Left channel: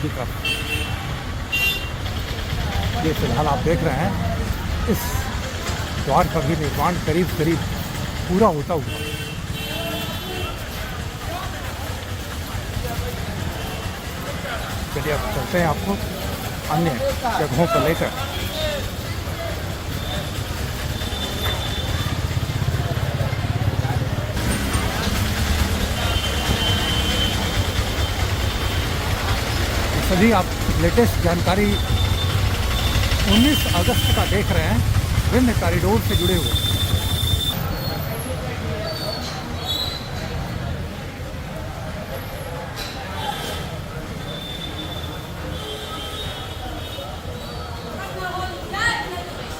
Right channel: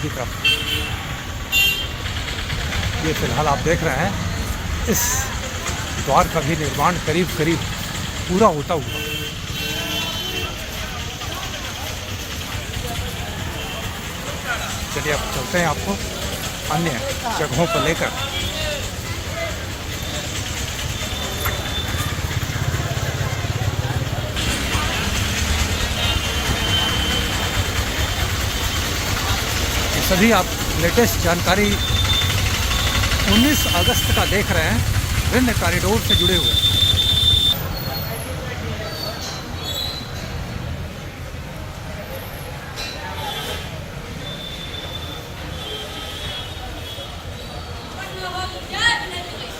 की तरफ ये फिलहाल आप देख रहे हैं, इस द्वार का भी निर्माण करीब करीब पूरा होता हुआ। चलिए अब चलते हैं आपको अन्य जगहों पर लेकर। सभी आप लेटेस्ट जानकारी 19 अगस्त का देख रहे हैं, विभिन्न कॉरिडोर से जुड़े हुए।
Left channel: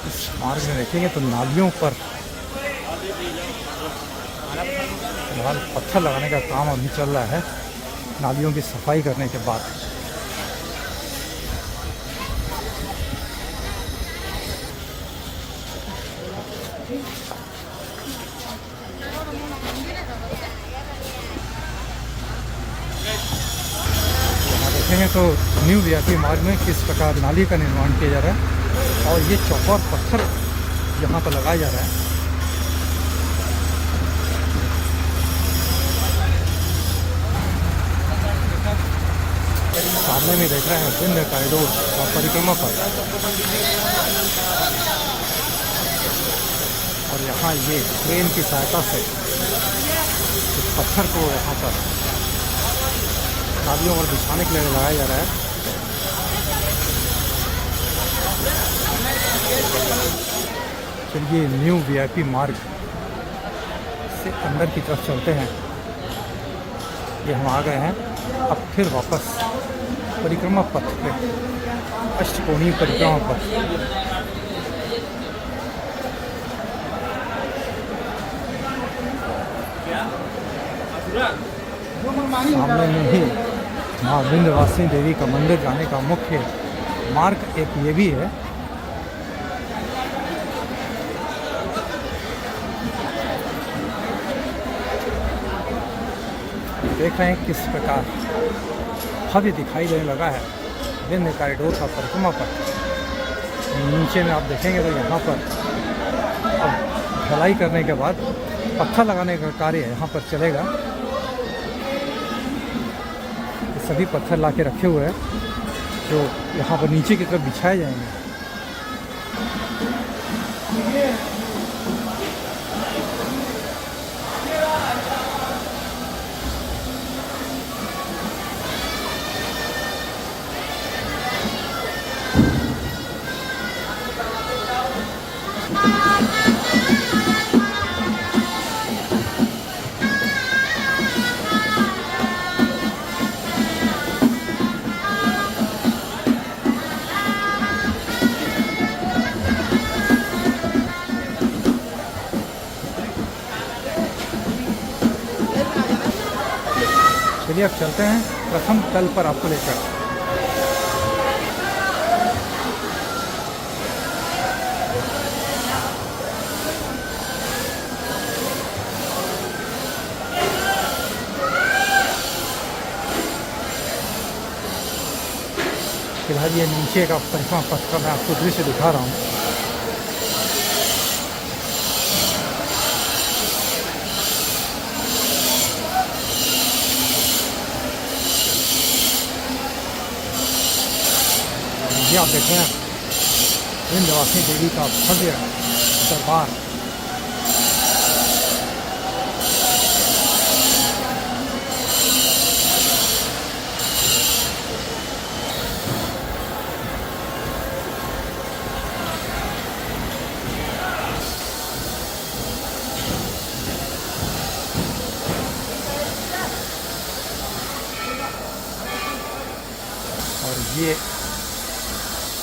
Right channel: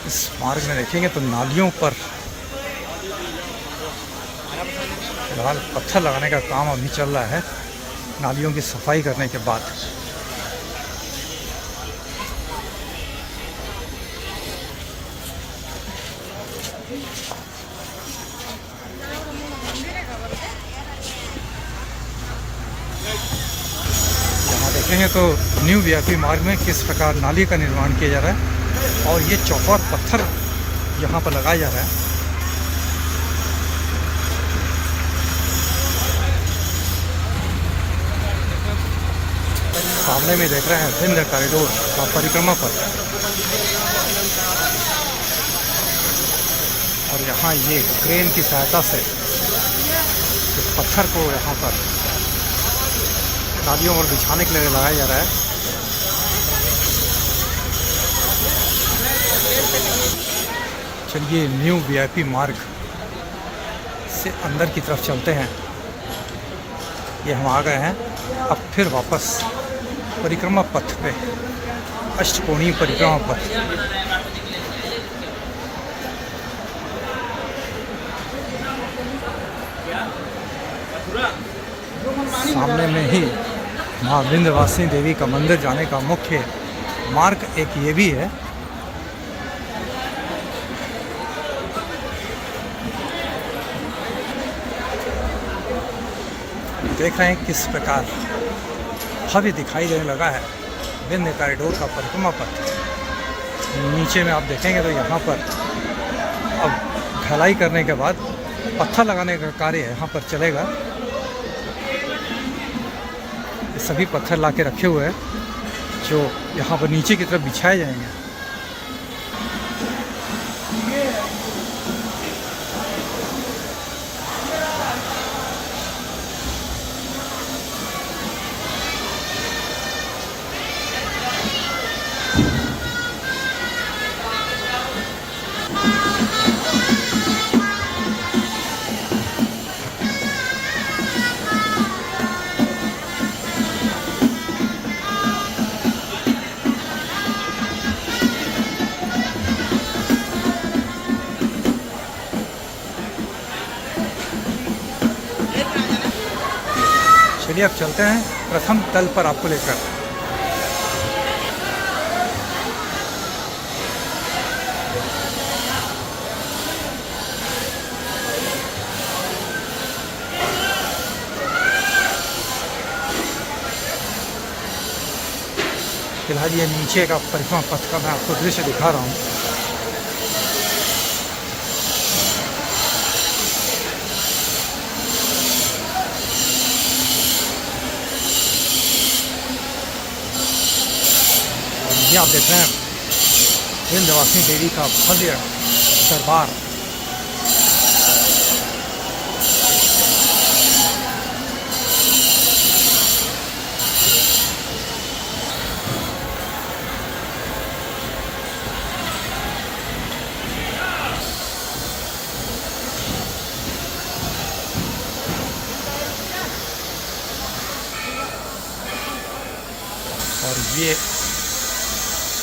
इस मार्ग में देखेंगे तो नालियों पर फिलहाल पत्थर लगाने का काम अभी चल रहा है, नालियों की सफाई करने के बाद। यहाँ देखेंगे तो न्यू वीआईपी मार्ग में किस प्रकार नाली का निर्माण किया जा रहा है और ये चौकोर पत्थर यहाँ पर लगाया जा रहा है। सामने में देख रहे हैं विभिन्न कॉरिडोर का परिक्रमा पथ, और यहाँ ये क्रेन की सहायता से इस पत्थर को यहाँ पर नालियों पर बिछाने के लिए लगाया जा रहा है। चलिए न्यू वीआईपी मार्ग से अंदर की तरफ चलते हैं। ये हम आ गए हैं, अब फिर वापस परिक्रमा पथ पे, अष्टकोणीय परिक्रमा पथ। सामने में ही माँ विंध्यवासिनी देवी का मंदिर जाने का मुख्य मार्ग एक ये भी है। देख रहे हैं किस प्रकार भव्य दिखाई देने लगा है विंध्य कॉरिडोर का परिक्रमा पथ। नीचे में आप देखेंगे तो यहाँ पर अब ढलाई करने के बाद पत्थर लगाने का कार्य यहाँ पर चलेगा। ये सभी पत्थर ला के रखे हुए हैं जो यहाँ पर नीचे की तरफ बिछाए जाएंगे। चलिए अब चलते हैं प्रथम तल पर आपको लेकर। फिलहाल ये नीचे का परिक्रमा पथ का मैं आपको दृश्य दिखा रहा हूँ। ये आप देख रहे हैं विंध्यवासिनी देवी का भव्य दरबार। और ये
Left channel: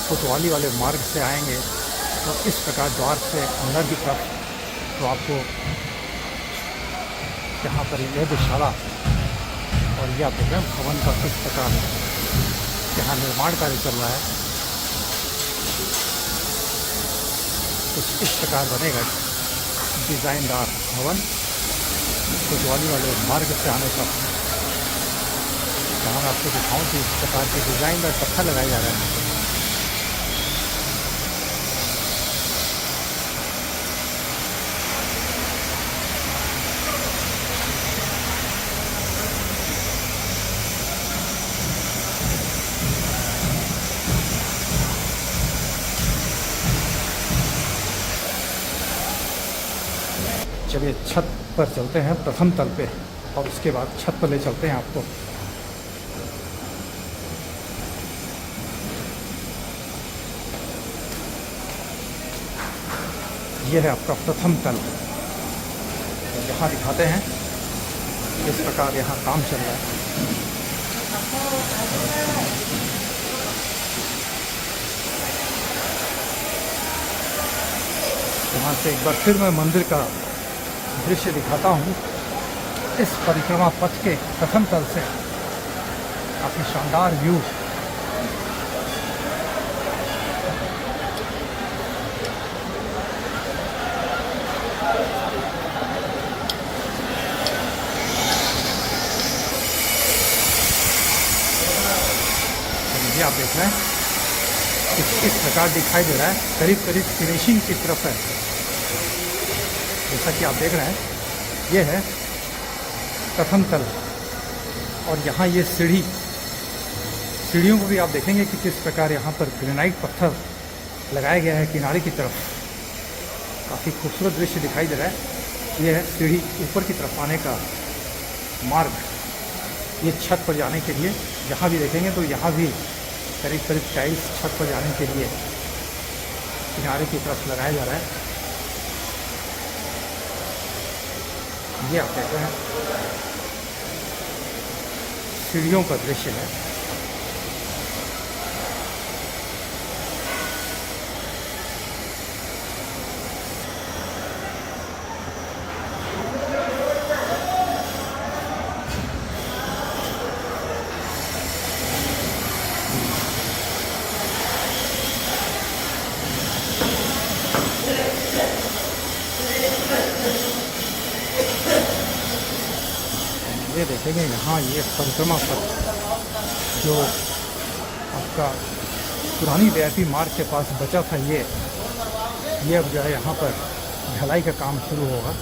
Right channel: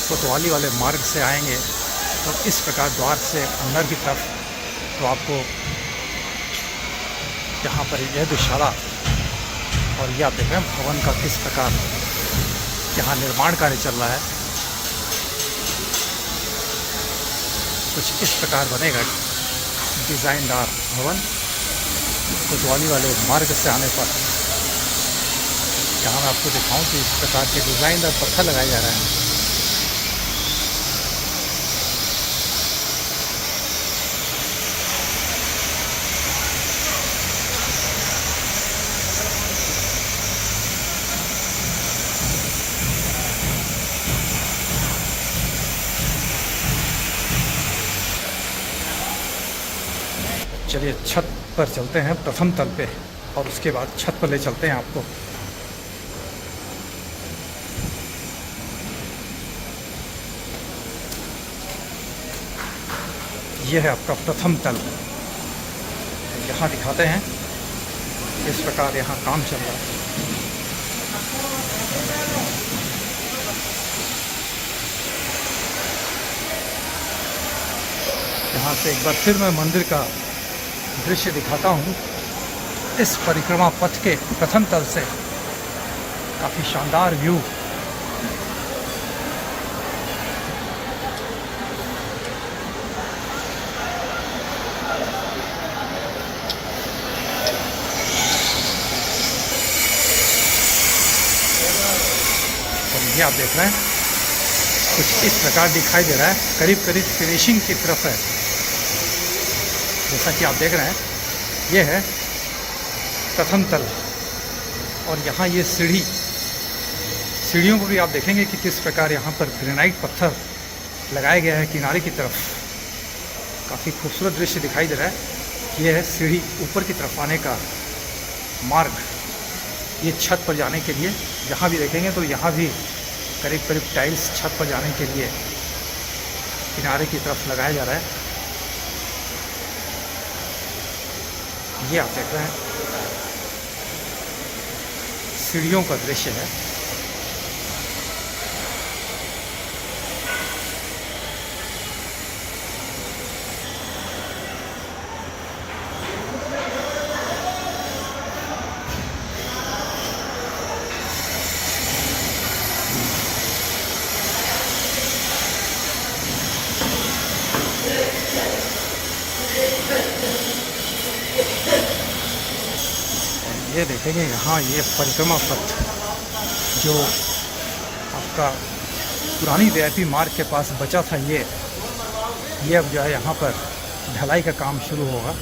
कोतवाली वाले मार्ग से आएंगे तो इस प्रकार द्वार से अंदर की तरफ तो आपको यहाँ पर यज्ञशाला, और ये आप देख रहे हैं भवन का किस प्रकार यहाँ निर्माण कार्य चल रहा है। कुछ इस प्रकार बनेगा डिज़ाइनदार भवन कोतवाली वाले मार्ग से आने पर। जहाँ मैं आपको दिखाऊं कि इस प्रकार के डिज़ाइनर पत्थर लगाए जा रहे हैं। चलिए छत पर चलते हैं, प्रथम तल पे, और उसके बाद छत पर ले चलते हैं आपको। यह है आपका प्रथम तल। तो यहाँ दिखाते हैं किस प्रकार यहाँ काम चल रहा है। यहाँ से एक बार फिर मैं मंदिर का दृश्य दिखाता हूँ। इस परिक्रमा पथ के प्रथम तल से काफ़ी शानदार व्यू। और ये आप देख रहे हैं कुछ इस प्रकार दिखाई दे रहा है, करीब करीब फिनिशिंग की तरफ है। जैसा कि आप देख रहे हैं, ये है प्रथम तल, और यहाँ ये सीढ़ियों को भी आप देखेंगे कि किस प्रकार यहाँ पर ग्रेनाइट पत्थर लगाया गया है किनारे की तरफ। काफ़ी खूबसूरत दृश्य दिखाई दे रहा है। ये है सीढ़ी ऊपर की तरफ आने का मार्ग, ये छत पर जाने के लिए। जहाँ भी देखेंगे तो यहाँ भी करीब करीब टाइल्स छत पर जाने के लिए किनारे की तरफ लगाया जा रहा है। ये आप देख रहे हैं सीढ़ियों का दृश्य है। ये देखेंगे यहाँ ये परिक्रमा पथ जो आपका पुरानी वीआईपी मार्ग के पास बचा था, ये अब जो है यहाँ पर ढलाई का काम शुरू होगा।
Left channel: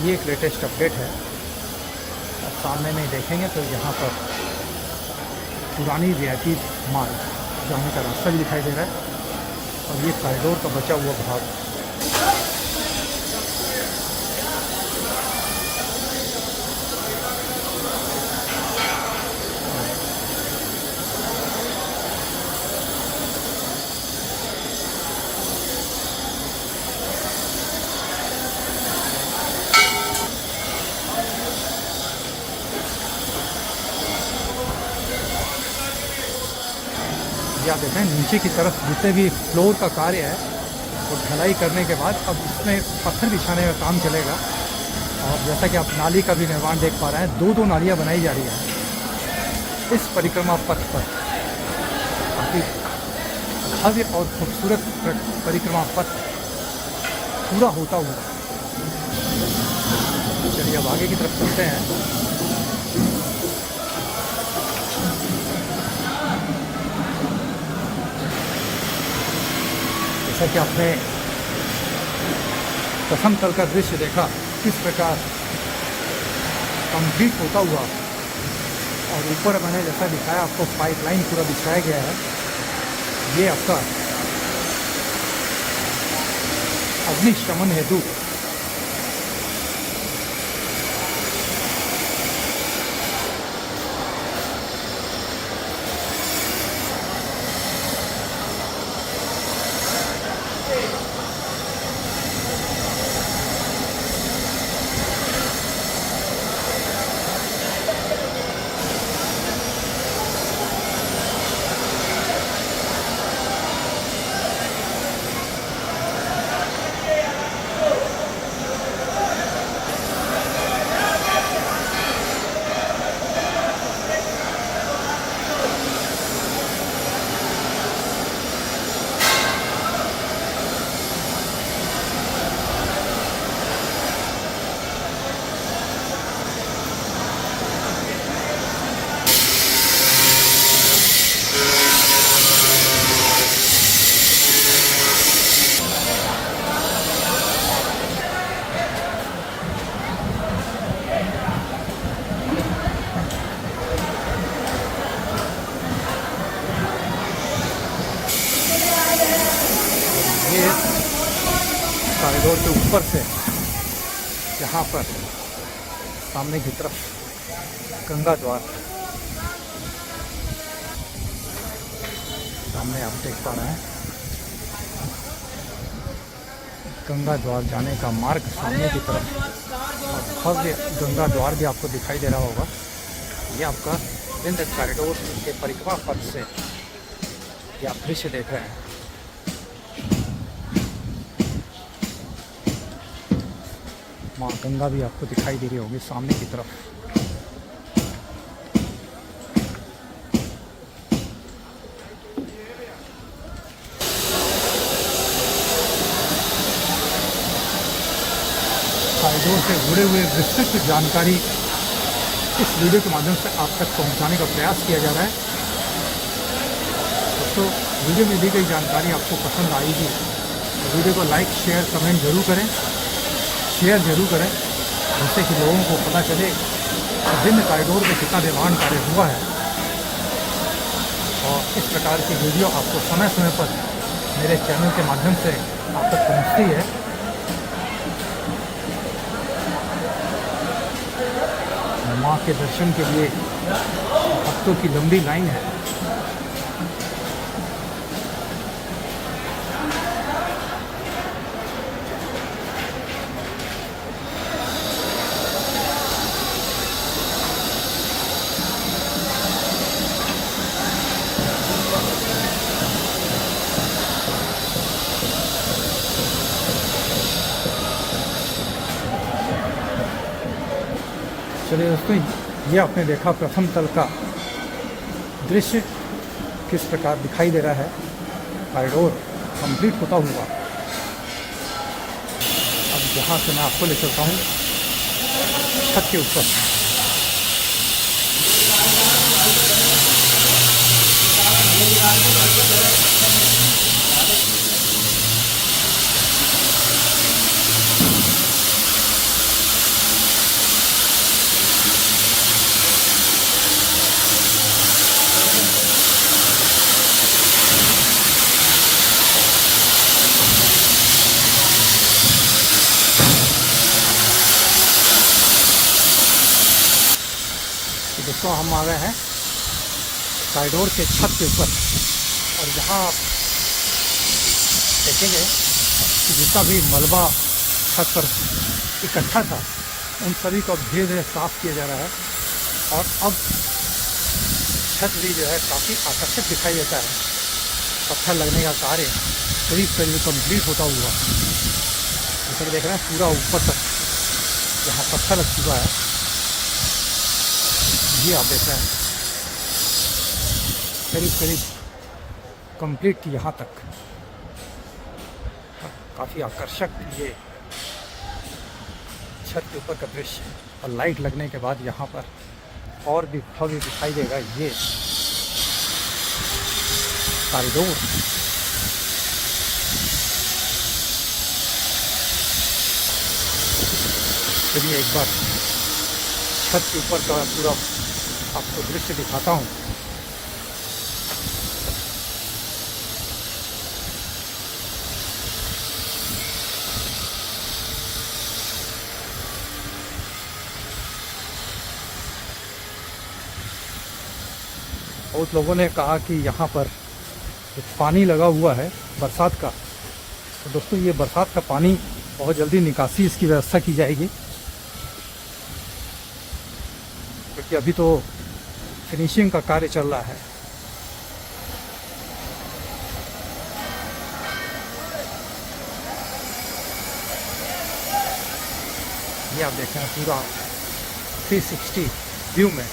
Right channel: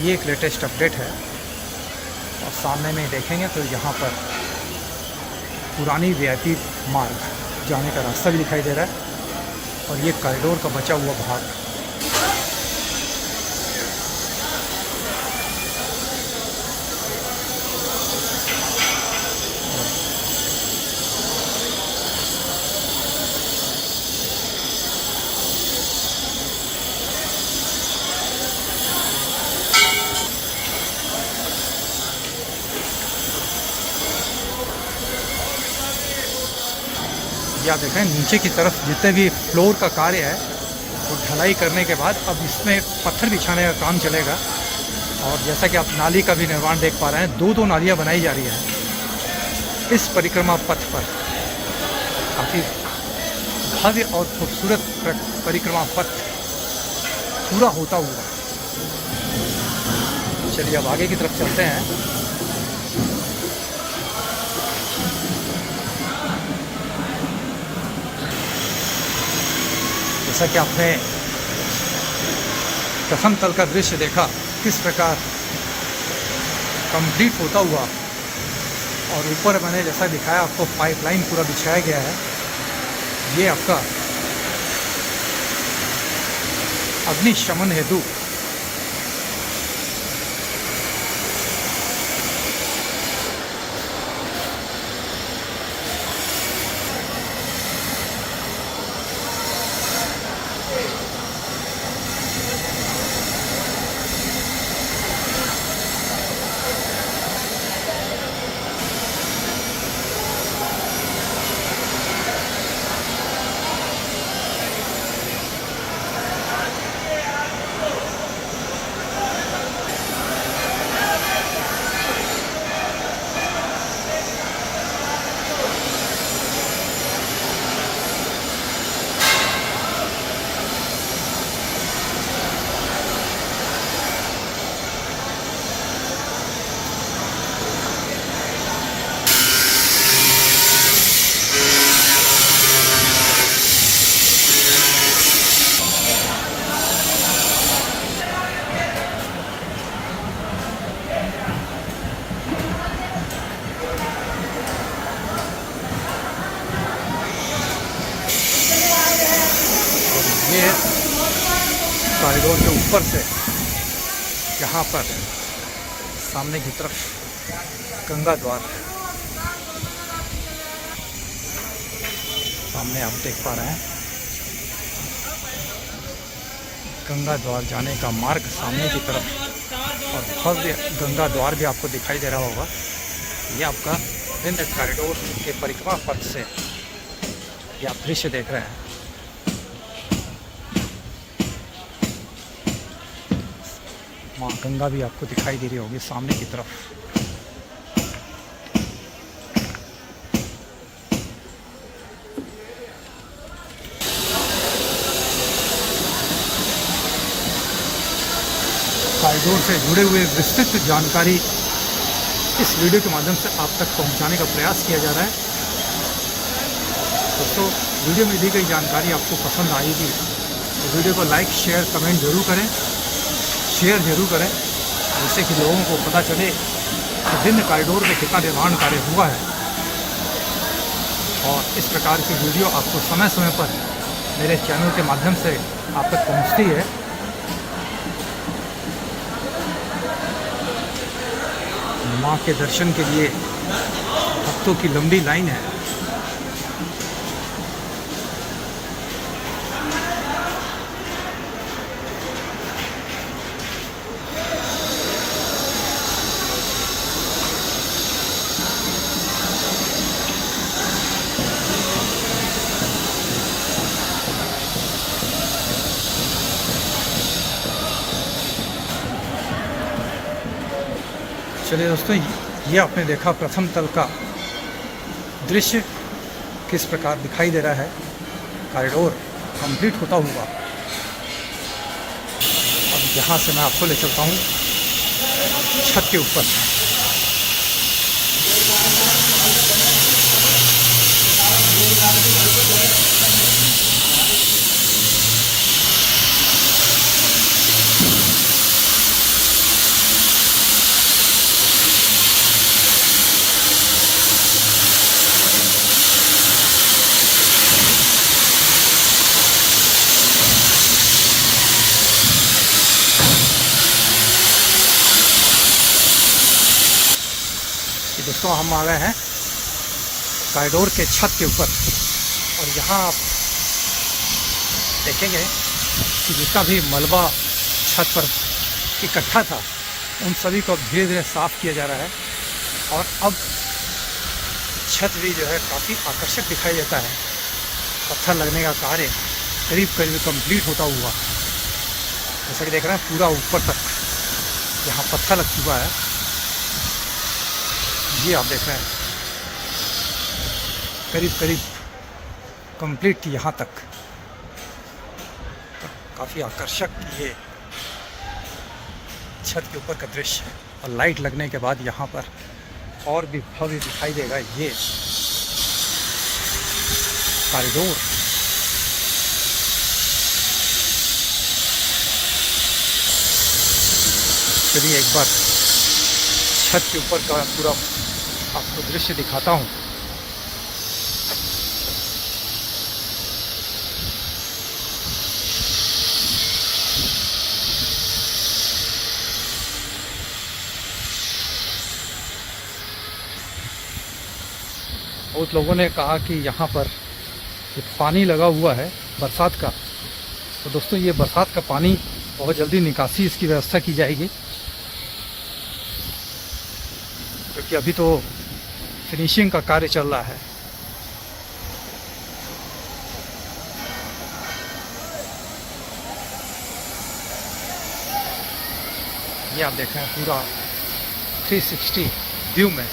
ये एक लेटेस्ट अपडेट है। और सामने में देखेंगे तो यहाँ पर पुरानी वीआईपी मार्ग जाने का रास्ता भी दिखाई दे रहा है, और ये कॉरिडोर का बचा हुआ भाग। या देखें नीचे की तरफ जितने भी फ्लोर का कार्य है वो ढलाई करने के बाद अब इसमें पत्थर बिछाने का काम चलेगा। और जैसा कि आप नाली का भी निर्माण देख पा रहे हैं, दो नालियां बनाई जा रही हैं इस परिक्रमा पथ पर। काफ़ी भव्य और खूबसूरत परिक्रमा पथ पूरा होता हुआ। चलिए अब आगे की तरफ चलते हैं। जैसा कि आपने प्रथम तल का दृश्य देखा किस प्रकार कंप्लीट होता हुआ, और ऊपर मैंने जैसा दिखाया आपको पाइपलाइन पूरा बिछाया गया है। ये आपका अग्निशमन हेतु ये कॉरिडोर के ऊपर से यहाँ पर सामने की तरफ गंगा द्वार सामने आप देख पा रहे हैं। गंगा द्वार जाने का मार्ग सामने की तरफ और भव्य गंगा द्वार भी आपको दिखाई दे रहा होगा। ये आपका विंध्य कॉरिडोर के परिक्रमा पथ से ये आप दृश्य देख रहे हैं। माँ गंगा भी आपको दिखाई दे रही होगी सामने की तरफ। कॉरिडोर से जुड़े हुए विस्तृत जानकारी इस वीडियो के माध्यम से आप तक पहुंचाने का प्रयास किया जा रहा है। दोस्तों, वीडियो में दी गई जानकारी आपको पसंद आएगी तो वीडियो को लाइक शेयर कमेंट जरूर करें, शेयर जरूर करें, जिससे कि लोगों को पता चले कि विंध्य कॉरिडोर में कितना निर्माण कार्य हुआ है। और इस प्रकार की वीडियो आपको समय समय पर मेरे चैनल के माध्यम से आप तक पहुंचती है। माँ के दर्शन के लिए भक्तों की लंबी लाइन है। चलिए दोस्तों, ये आपने देखा प्रथम तल का दृश्य किस प्रकार दिखाई दे रहा है कॉरिडोर कंप्लीट होता हुआ। अब यहाँ से मैं आपको ले चलता हूँ छत के ऊपर। दोस्तों, हम आ गए हैं कॉरिडोर के छत के ऊपर और यहाँ आप देखेंगे कि जितना भी मलबा छत पर इकट्ठा था उन सभी को धीरे धीरे साफ़ किया जा रहा है। और अब छत भी जो है काफ़ी आकर्षक दिखाई देता है। पत्थर लगने का कार्य करीब करीब कंप्लीट होता हुआ, जैसा कि देख रहे हैं पूरा ऊपर तक यहाँ पत्थर लग चुका है। ये आप देख रहे हैं करीब करीब कंप्लीट यहाँ तक। काफ़ी आकर्षक ये छत के ऊपर का दृश्य है और लाइट लगने के बाद यहाँ पर और भी भव्य दिखाई देगा ये कॉरिडोर। चलिए एक बार छत के ऊपर का पूरा आपको दृश्य दिखाता हूँ। बहुत लोगों ने कहा कि यहाँ पर पानी लगा हुआ है बरसात का। तो दोस्तों, ये बरसात का पानी बहुत जल्दी निकासी इसकी व्यवस्था की जाएगी, क्योंकि अभी तो फिनिशिंग का कार्य चल रहा है। ये आप देख रहे हैं पूरा 360 व्यू में।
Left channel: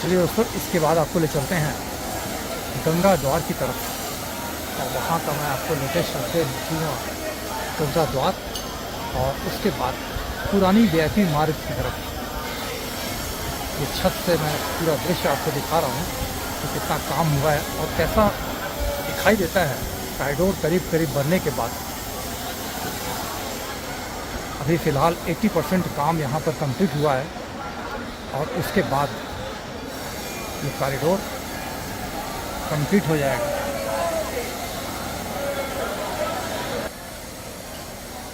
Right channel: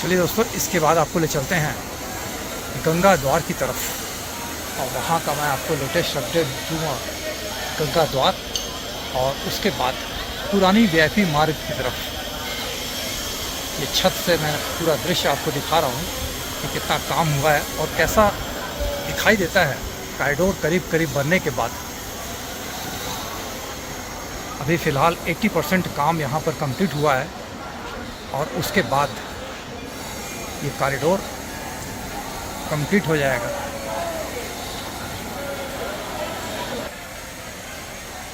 चलिए दोस्तों, इसके बाद आपको ले चलते हैं गंगा द्वार की तरफ, और वहाँ का मैं आपको लेटेस्ट अपडेट दूँगा गंगा द्वार, और उसके बाद पुरानी वीआईपी मार्ग की तरफ। ये छत से मैं पूरा दृश्य आपको दिखा रहा हूँ कि कितना काम हुआ है और कैसा दिखाई देता है कॉरिडोर करीब करीब बनने के बाद। अभी फ़िलहाल 80% काम यहाँ पर कंप्लीट हुआ है, और उसके बाद ये कॉरिडोर कंप्लीट हो जाएगा।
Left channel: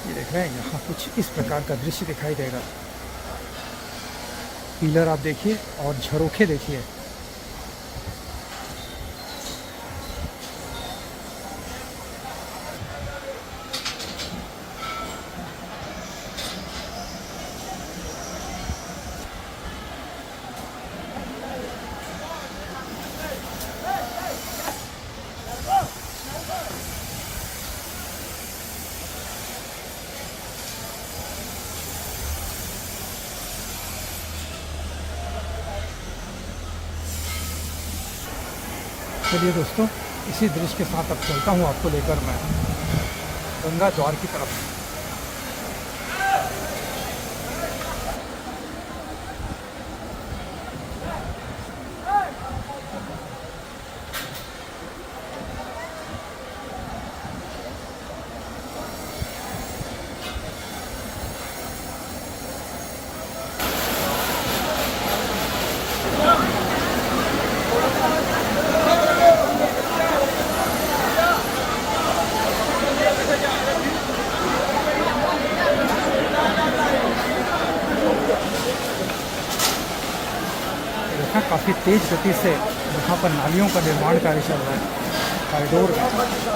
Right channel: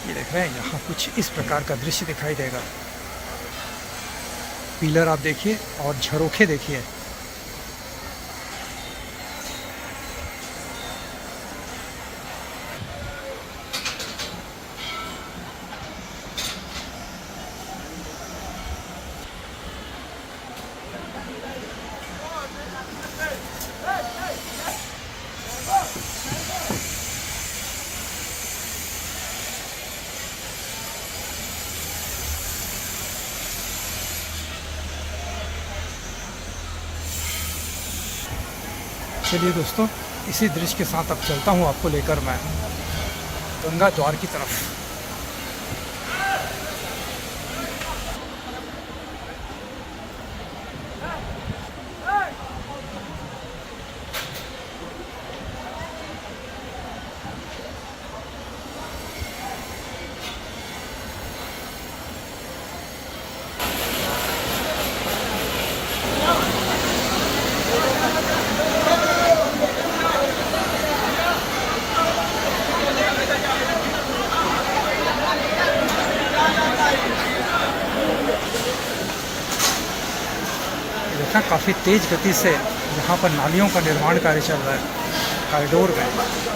ये देख रहे हैं, यहाँ कुछ इस प्रकार का दृश्य दिखाई देगा। पिलर आप देखिए और झरोखे देखिए। चलिए दोस्तों, इसी दृश्य के साथ अब चलता हूँ आपको लेकर मैं गंगा द्वार की तरफ। देखा, काफ़ी तेज़ गति से यहाँ पर नालियों का निर्माण कार्य चल रहा है कॉरिडोर में।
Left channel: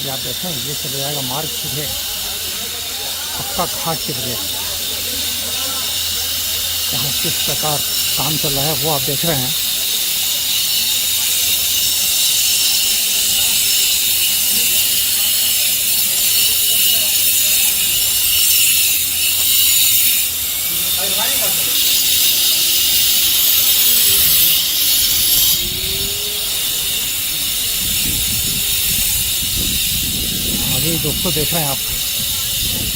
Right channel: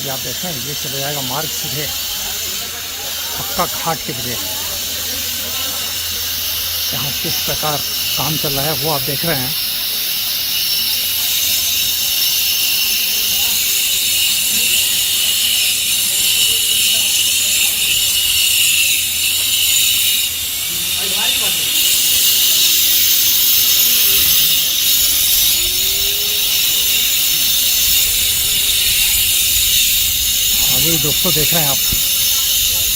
ये आप देखें, ये चले जाएगा मार्ग सीधे पक्का घाट के लिए। यहाँ किस प्रकार काम चल रहा है वो आप देख रहे हैं। अभी दोस्तों देख रहे हैं आप,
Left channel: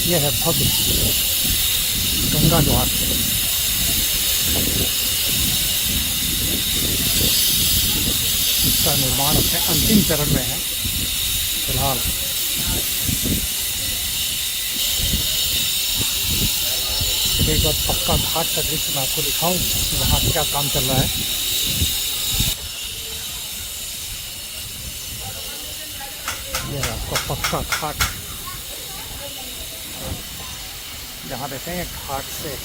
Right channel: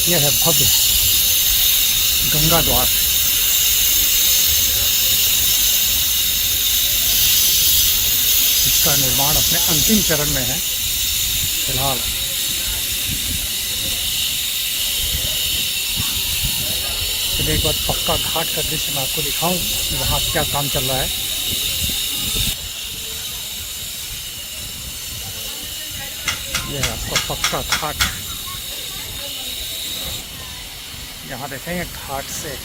यह है भव्य गंगा द्वार। इसका निर्माण अपने अंतिम चरण में है फिलहाल। चलिए एक बार पक्का घाट का दृश्य मैं आपको दिखाऊं कि वहाँ क्या काम चल रहा है। यह है आपका पक्का घाट। यहाँ देखेंगे घाट से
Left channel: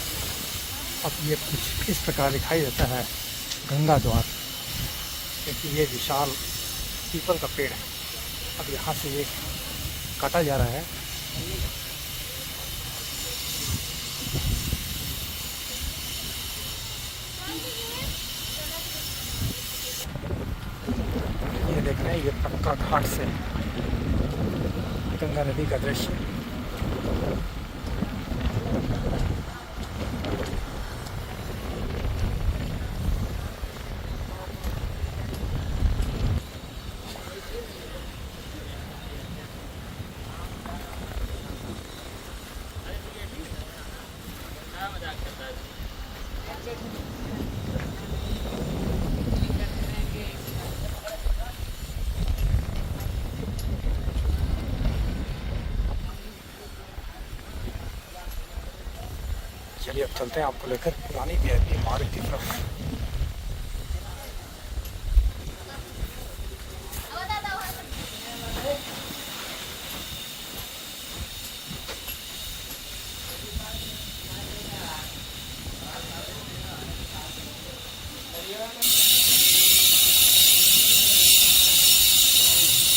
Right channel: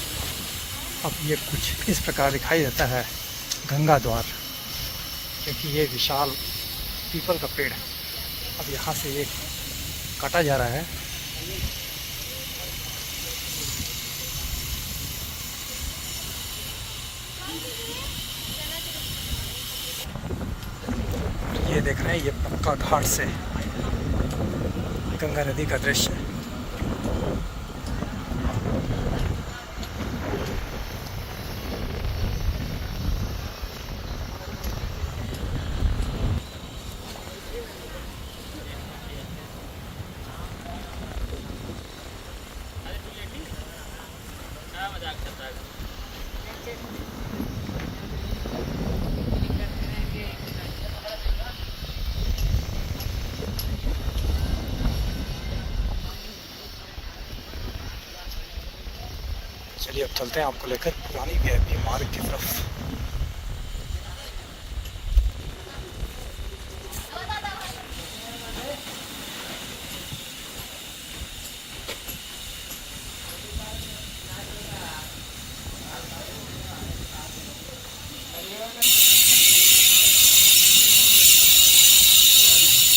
अब ये कुछ इस प्रकार दिखाई देता है गंगा द्वार, क्योंकि ये विशाल पीपल का पेड़ है। अब यहाँ से ये काटा जा रहा है। ये देख रहे हैं, ये पक्का घाट से गंगा नदी का दृश्य। चलिए अब चलते हैं आपको लेकर पुरानी वीआईपी मार्ग की तरफ।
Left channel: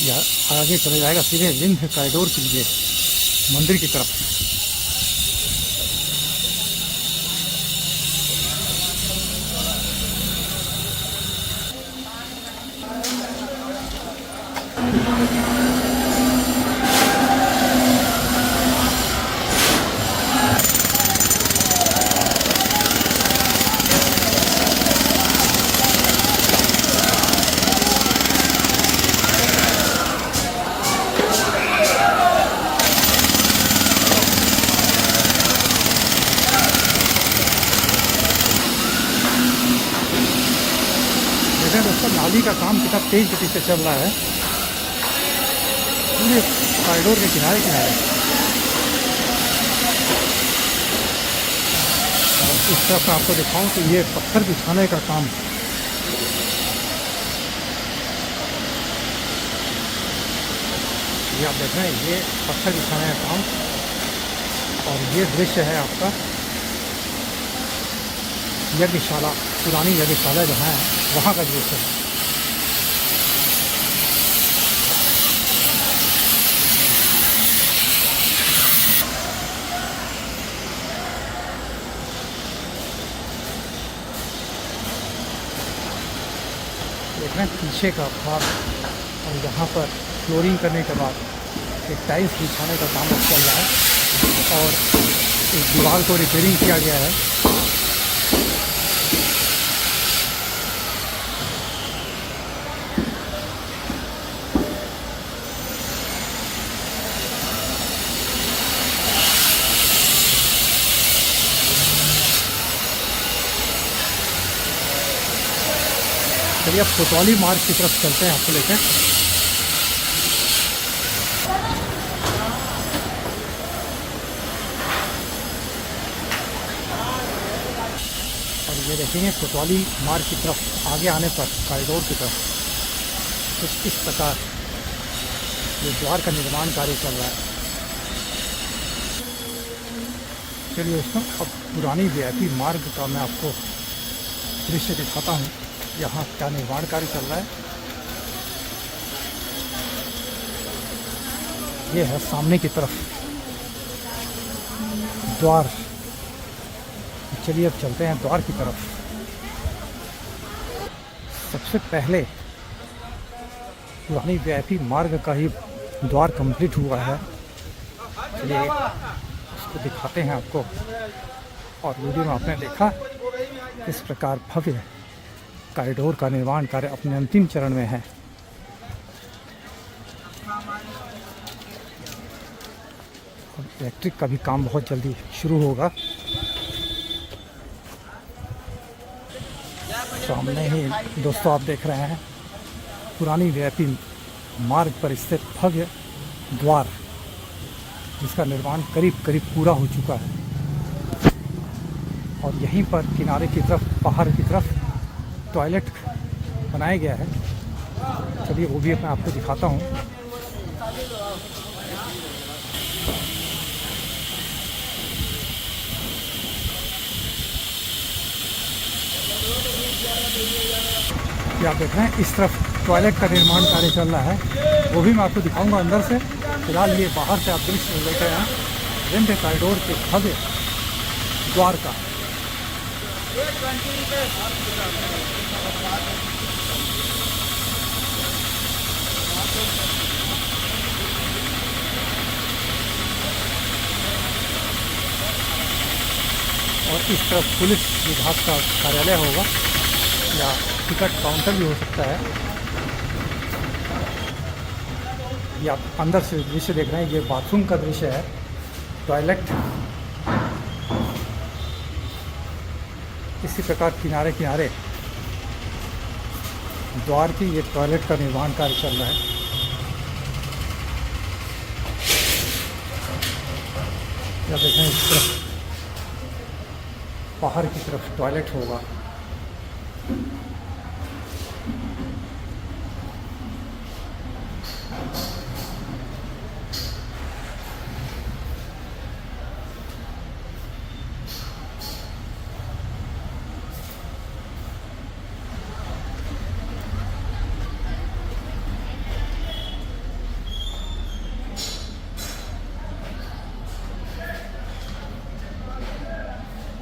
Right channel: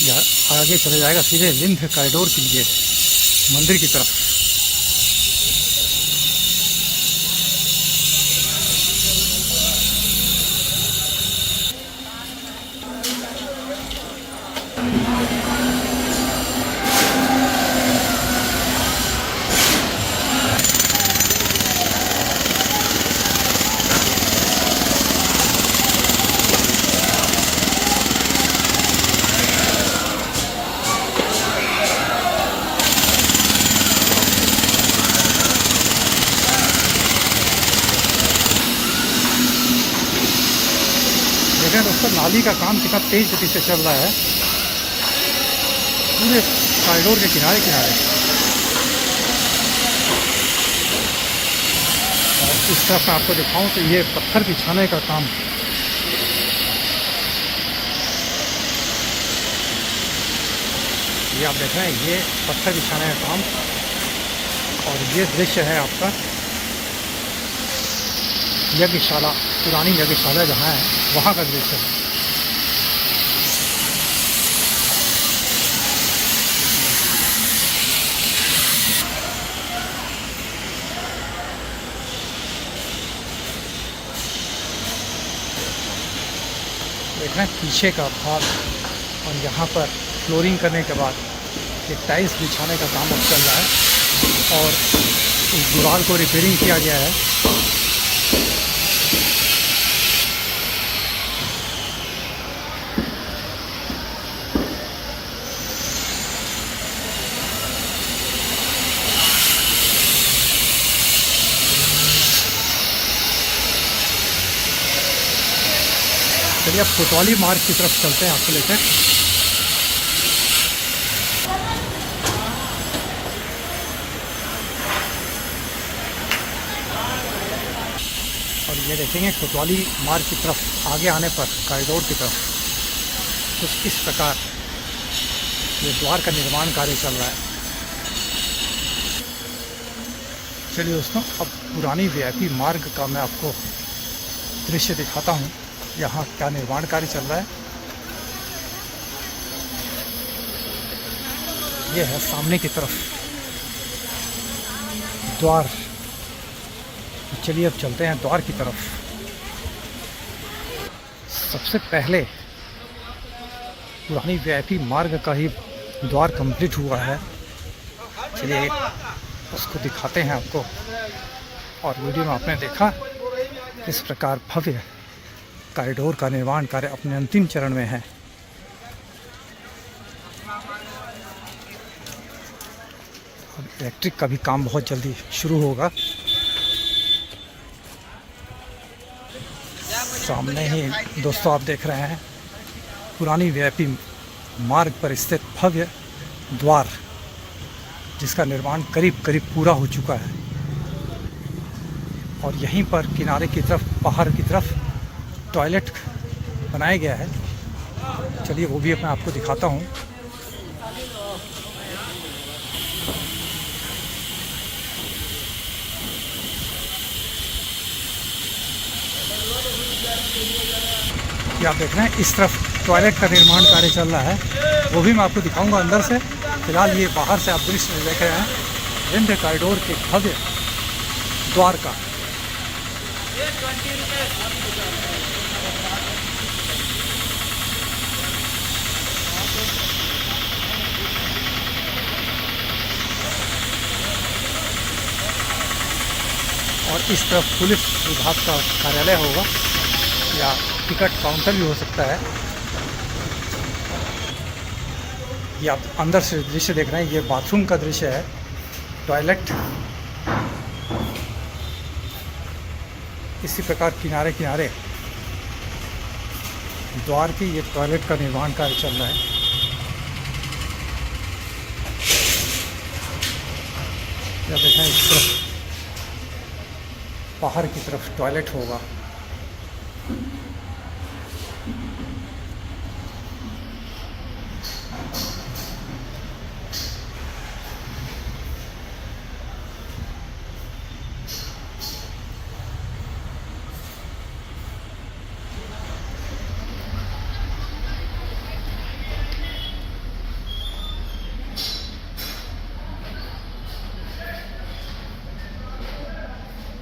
यह आगे चला जाएगा सीधे विंध्य कॉरिडोर के लिए मंदिर की तरफ। देखें दोस्तों नाली का काम कितना तेज गति से चल रहा है पूरे कॉरिडोर के किनारे किनारे। और इस तरफ मैं आपको दिखाऊं तो ये पत्थर बिछाने का काम, ये आप देख रहे हैं, ये पत्थर बिछाने का काम। और ये दृश्य है आपका यज्ञशाला, पुरानी यज्ञशाला जहाँ है वहाँ का दृश्य है। देख रहे हैं पीछे का भाग, और यहाँ पर फ्लोरिंग करने के बाद एक टाइल्स बिछाने का काम अब चल रहा है और इस दीवार को रिपेयरिंग किया गया है। चलिए अब कोतवाली मार्ग की तरफ चलते हैं आपको लेकर। और ये देखेंगे कोतवाली मार्ग की तरफ आगे आने पर कॉरिडोर की तरफ कुछ इस प्रकार ये द्वार का निर्माण कार्य चल रहा है। चलिए दोस्तों अब पुरानी वीआईपी मार्ग का मैं आपको दृश्य दिखाता हूँ, यहाँ क्या निर्माण कार्य चल रहा है। ये है सामने की तरफ द्वार। चलिए अब चलते हैं द्वार की तरफ। सबसे पहले पुरानी वीआईपी मार्ग का ही द्वार कंप्लीट हुआ है, चलिए उसको दिखाते हैं आपको। और वीडियो में आपने देखा किस प्रकार भव्य कॉरिडोर का निर्माण कार्य अपने अंतिम चरण में है। अब इलेक्ट्रिक का भी काम बहुत जल्दी शुरू होगा। सामने ही दोस्तों आप देख रहे हैं पुरानी वीआईपी मार्ग पर स्थित भव्य द्वार, जिसका निर्माण करीब करीब पूरा हो चुका है। और यहीं पर किनारे की तरफ, बाहर की तरफ टॉयलेट बनाया गया है। चलिए वो भी मैं आपको दिखाता हूँ। ये आप देख रहे हैं इस तरफ टॉयलेट का निर्माण कार्य चल रहा है, वो भी मैं आपको दिखाऊंगा अंदर से। फिलहाल ये बाहर से आप दृश्य देख रहे हैं विंध्य कॉरिडोर के भव्य द्वार का। और इस तरफ पुलिस विभाग का कार्यालय होगा या टिकट काउंटर भी हो सकता है। ये आप अंदर से दृश्य देख रहे हैं, ये बाथरूम का दृश्य है, टॉयलेट। इसी प्रकार किनारे किनारे द्वार की ये टॉयलेट का निर्माण कार्य चल रहा है। या देखें इस तरफ बाहर की तरफ टॉयलेट होगा।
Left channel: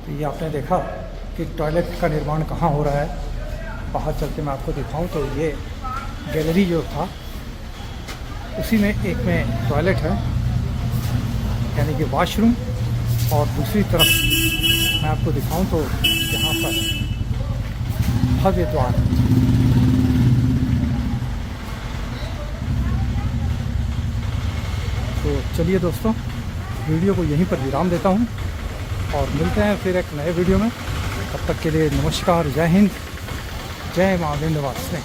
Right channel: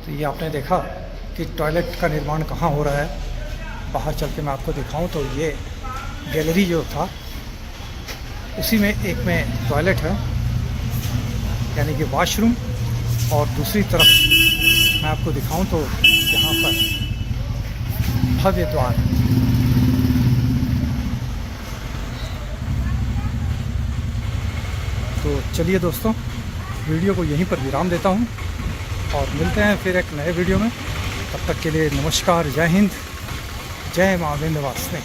तो ये आपने देखा कि टॉयलेट का निर्माण कहाँ हो रहा है। बाहर चल के मैं आपको दिखाऊं तो ये गैलरी जो था उसी में एक में टॉयलेट है, यानी कि वॉशरूम, और दूसरी तरफ मैं आपको दिखाऊं तो यहाँ पर भव्य द्वार। तो चलिए दोस्तों, वीडियो को यहीं पर विराम देता हूँ और मिलते हैं फिर एक नए वीडियो में। तब तक के लिए नमस्कार, जय हिंद, जय मां विंध्यवासिनी।